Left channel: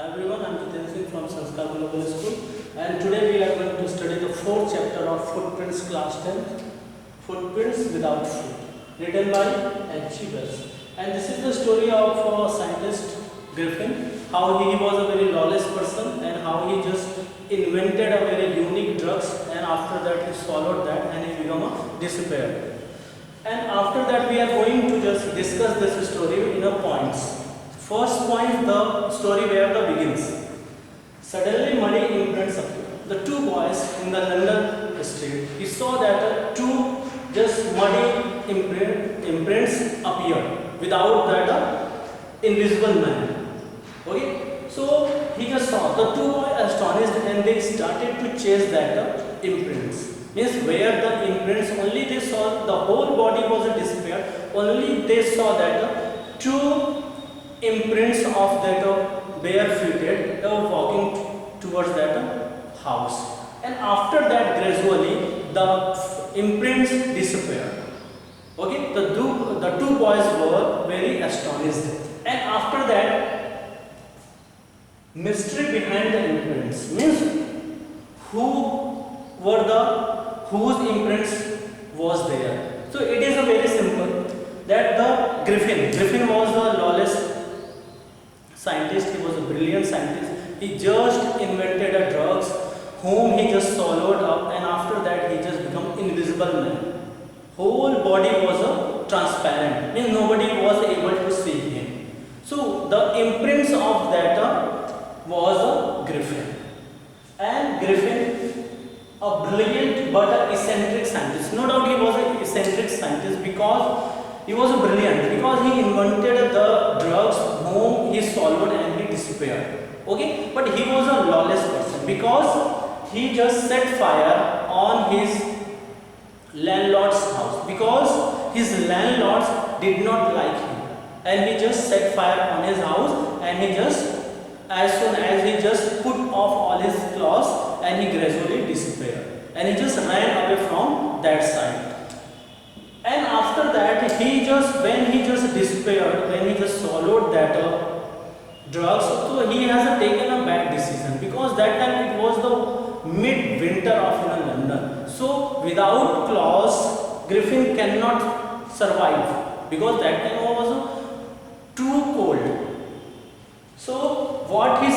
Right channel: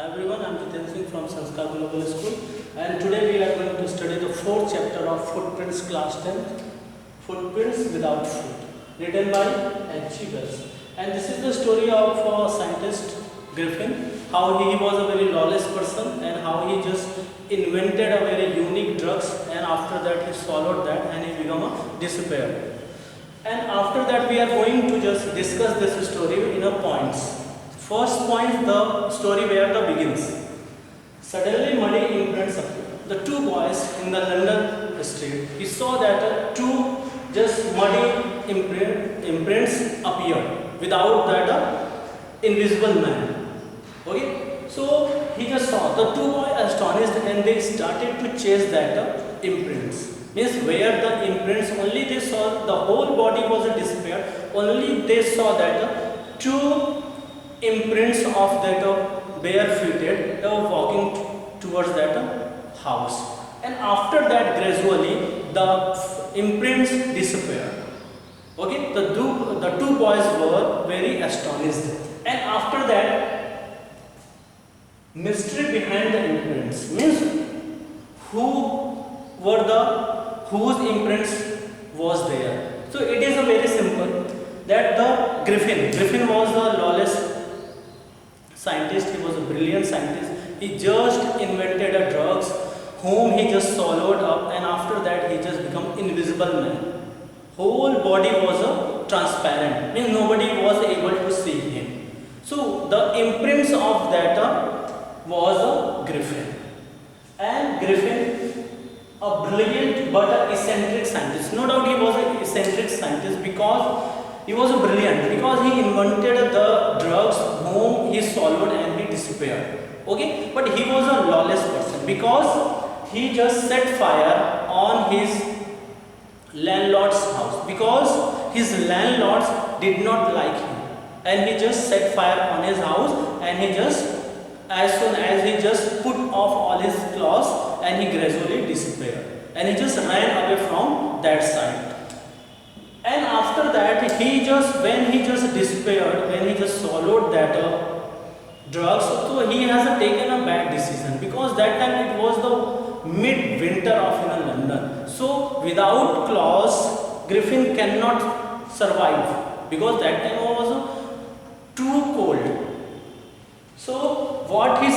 Hi everyone, I am Jiten Singh from Sanskar Global School, and today we are going to study the fourth chapter of Footprints Class 10, Footprints Without Foot, written by H.G. Wells. And this is the story of scientist Griffin, how he was a very lawless person and how he just invented a very unique drugs, and after that he swallowed that and he became a disappeared. And after that we are going to just discuss this story in a points. First point, the story where the begins. Suddenly muddy imprints appear. The two boys in the London street, he saw that two just muddy imprints appear without that invisible man. Okay, so he just saw the two boys astonished and they started to chase that imprints. Means where the imprints, only they saw the whole body was disappeared. Only they saw that two imprints of that barefooted, they were walking towards that house, and after that gradually the imprints disappeared. Okay, the two boys were very astonished, and after that mystery behind the imprints, means whose imprints was there. So it is a very simple that the Griffin was the lawless scientist. He was a brilliant scientist. He just invented a drugs whom he just swallowed up, and after that he just become invisible man. Whole body was a transparent, means nobody was able to see him. So the imprints of that was a Griffin, and Griffin a brilliant but a eccentric scientist. No doubt he was an eccentric scientist because he was brilliant, because he invented the drugs whom he swallowed and he disappeared. Okay, but he was a lawless person because he just set fire on his landlord's house, because his landlords did not like him, and he just set fire on his house, and he just, as soon as he just put off all his clothes, and he gradually disappeared, and he just ran away from that side. And after that, when he just disappeared, when he just swallowed that drugs, so he has taken a bad decision, because that time it was the mid-winter of London. So without clothes, Griffin cannot survive, because that time was too cold. So what he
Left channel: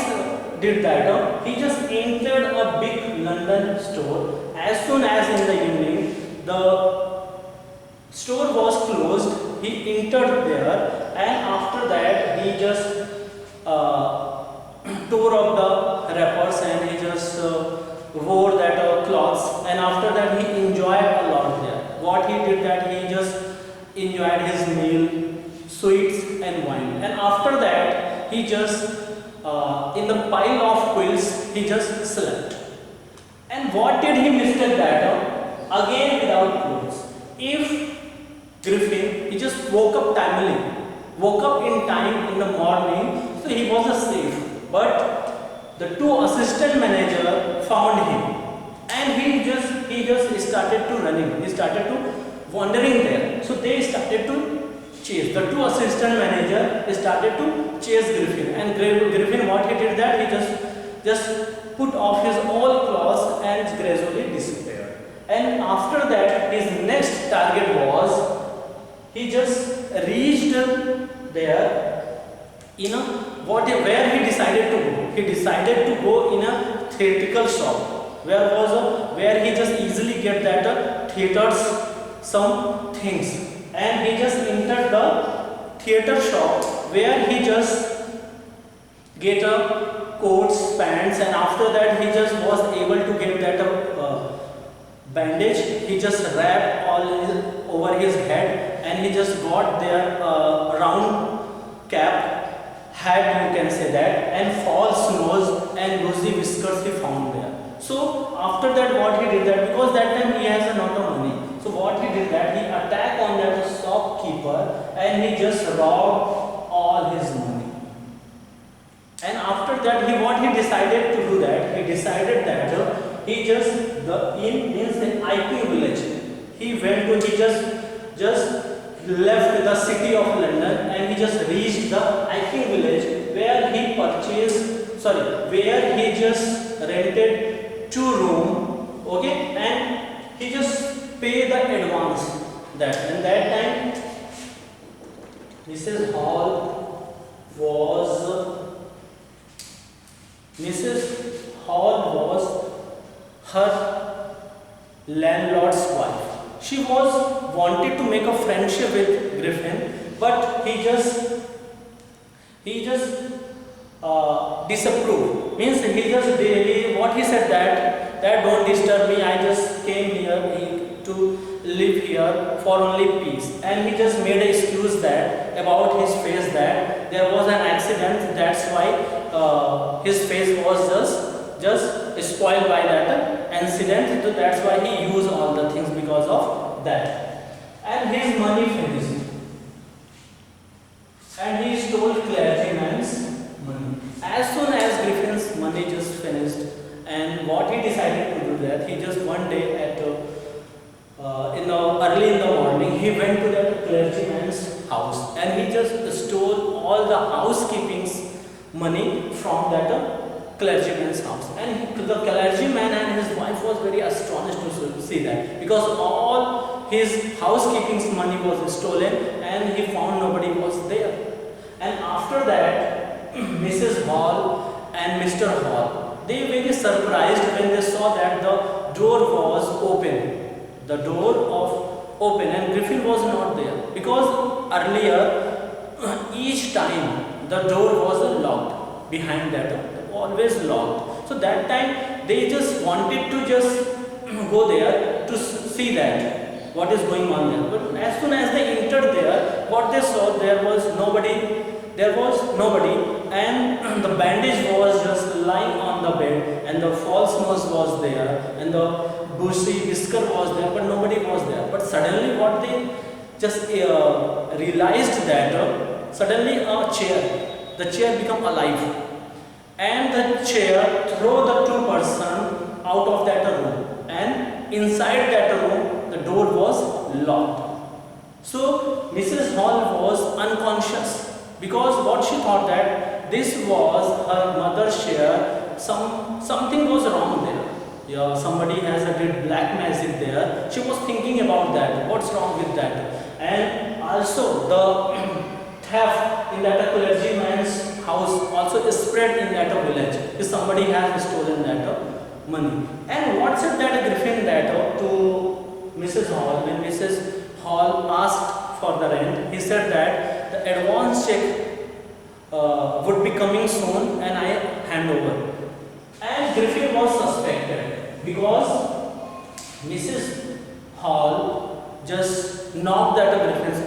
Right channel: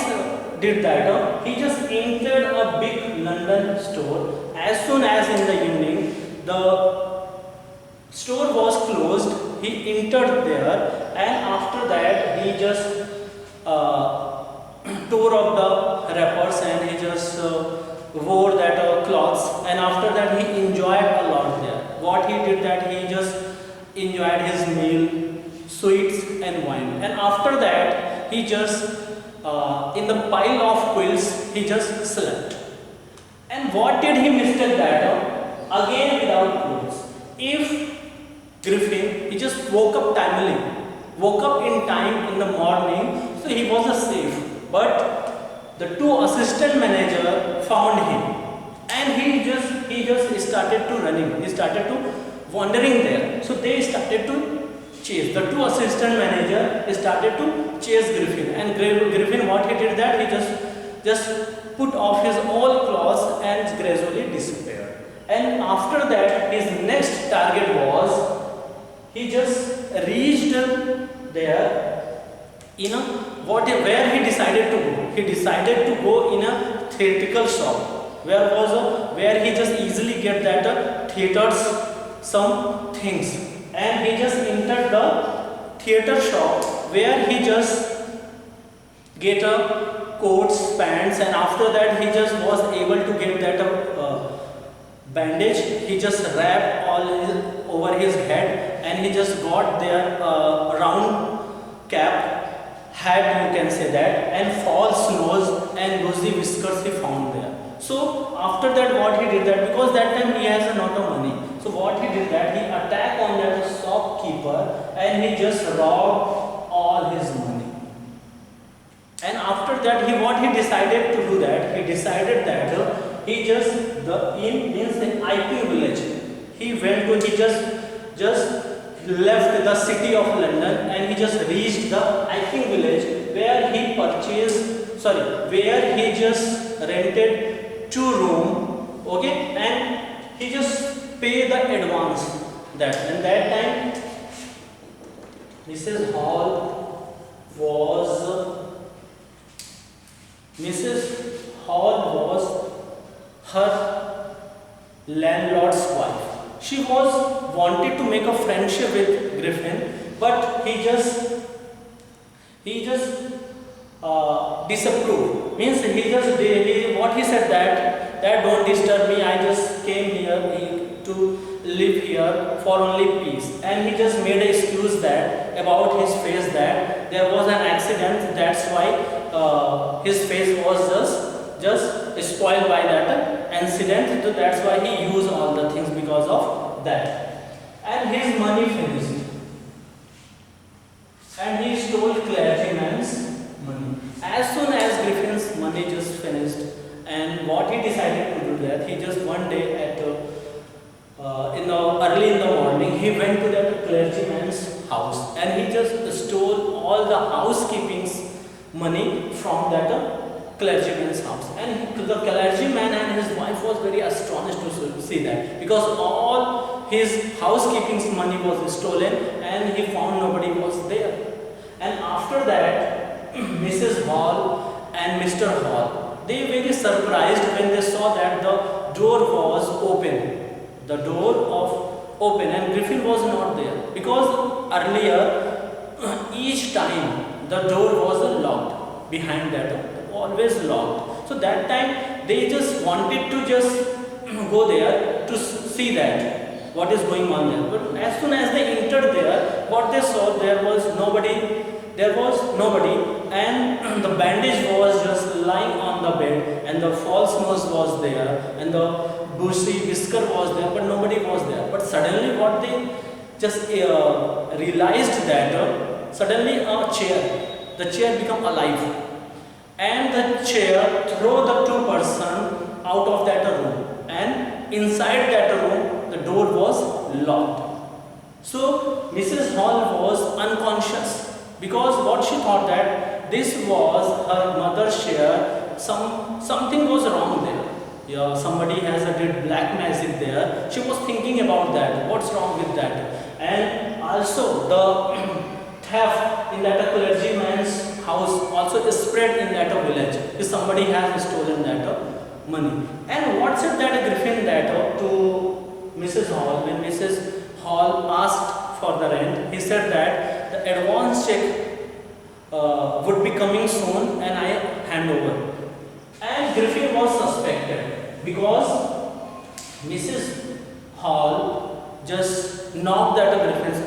did that, he just entered a big London store. As soon as in the evening, the store was closed, he entered there, and after that he just tore up the wrappers and he just wore that clothes, and after that he enjoyed a lot there. What he did that, he just enjoyed his meal, sweets and wine, and after that he just in the pile of quilts he just slept. And what did he mistake that? Again without clothes. If Griffin, he just woke up in time in the morning, so he was safe. But the two assistant manager found him, and he just started to running. He started to wandering there. So they started to chase. The two assistant manager started to chase Griffin, and Griffin, what he did that, he just put off his all clothes and gradually disappeared. And after that, his next target was, he just reached there in where he decided to go. He decided to go in a theatrical shop, where he just easily get that theaters some things, and he just entered the theater shop, where he just get a coats, pants, and after that he just was able to get that bandage. He just wrapped over his head, and he just got their round cap, hat you can say that, and false nose and rosy whiskers he found there. So after that, what he did that, because that time he has a lot of money, so what he did that, he attacked on that shopkeeper and he just robbed all his money. And after that, what he decided to do that, he decided that he just in the IP village, he just left the city of London, and he just reached the IP village, where he purchased sorry, where he just rented 2 room, okay, and he just pay the advance that. And that time Mrs. Hall was her landlord's wife. She was wanted to make a friendship with Griffin, but he just disapproved. Means what he said that don't disturb me. I just came here to live here for only peace. And he just made an excuse that about his face that there was an accident. That's why his face was just spoiled by that incident. So that's why he used all the things because of that. And his money finished. And he stole clergyman's money. As soon as Griffin's money just finished, and what he decided to do that, he just one day at early in the morning, he went to that clergyman's house and he just stole all the housekeeping's money from that clergyman's house. And the clergyman and his wife was very astonished to see that, because all his housekeeping's money was stolen and he found nobody was there. And after that, Mrs. Hall and Mr. Hall, they were very surprised when they saw that the door was open. The door of open and Griffin was not there, because earlier each time the door was locked behind that, always locked. So that time they just wanted to just go there to see that what is going on there. But as soon as they entered there, what they saw, there was nobody, and the bandage was just lying on the bed, and the false nose was there, and the bushy whisker was there, but nobody was there. But suddenly what they just realized that suddenly the chair become alive, and the chair throw the 2 person out of that room, and inside that room the door was locked. So Mrs. Hall was unconscious, because what she thought that this was her mother's share. Something was wrong there. Yeah, somebody did black magic there. She was thinking about that. What's wrong with that? And also the theft in that clergyman's house also spread in that village. If somebody has stolen that money. And what said that Griffin that to Mrs. Hall, when Mrs. Hall asked for the rent, he said that the advance check would be coming soon and I hand over. And Griffin was suspected because Mrs. Hall just knocked at Griffin's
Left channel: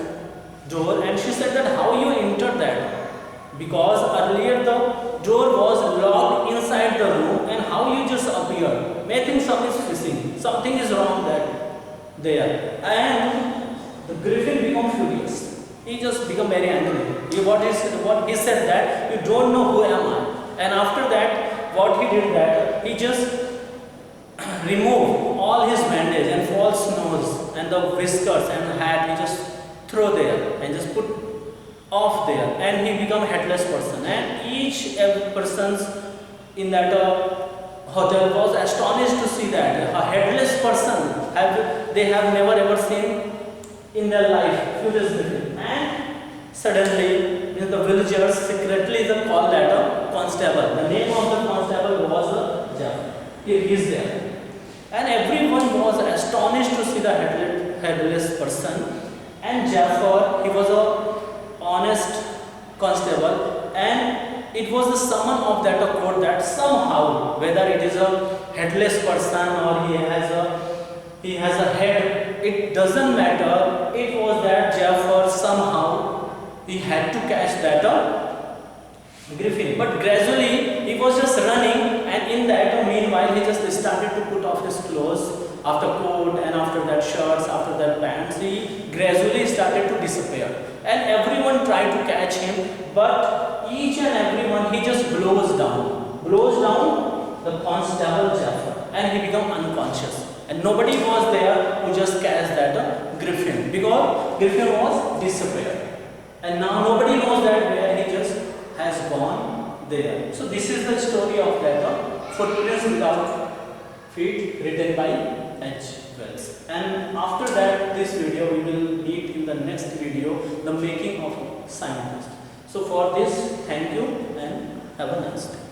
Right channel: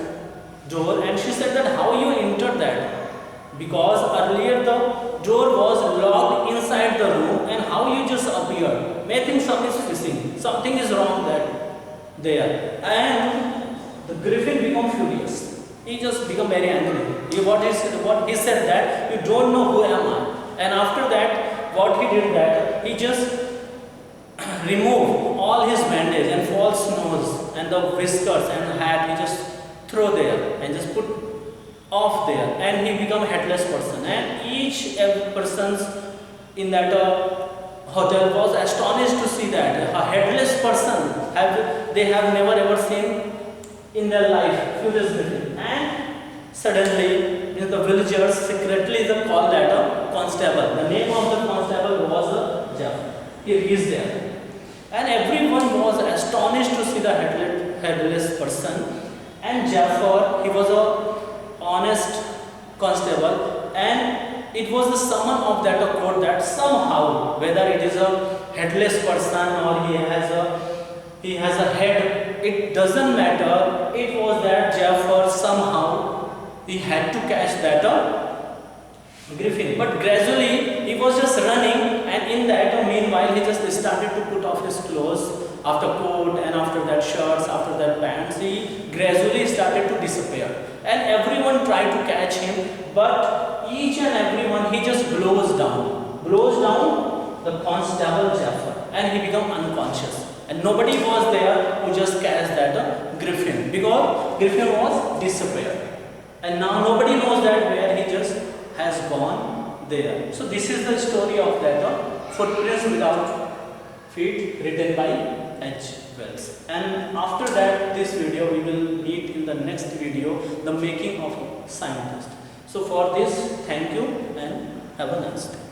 door and she said that how you entered that, because earlier the door was locked inside the room and how you just appeared. May think something is missing, something is wrong there. And the Griffin became furious. He just became very angry. What he said that you don't know who am I. And after that, what he did that he just removed all his bandage and false nose and the whiskers and hat. He just throw there and just put off there, and he become a headless person. And each persons in that hotel was astonished to see that a headless person they have never ever seen in their life. And suddenly the villagers secretly called that a constable. The name of the constable was Jafar. He is there. And everyone was astonished to see the headless person. And Jafar, he was a honest constable, and it was the summon of that court that somehow, whether it is a headless person or he has a head, it doesn't matter. It was that Jafar somehow he had to catch that Griffin. But gradually he was just running, and in that meanwhile he just started to put off his clothes, after coat and after that shirts, after that pants. He gradually started to disappear, and everyone tried to catch him, but each and everyone he just blows down the constable Jafar, and he became unconscious. And nobody was there who just catch that Griffin, because Griffin was disappeared. And now nobody knows that where he just has gone there. So this is the story of that footprints without feet written by H. Wells. And after that, this video we will meet in the next video, the making of a scientist. So for this, thank you and have a nice day.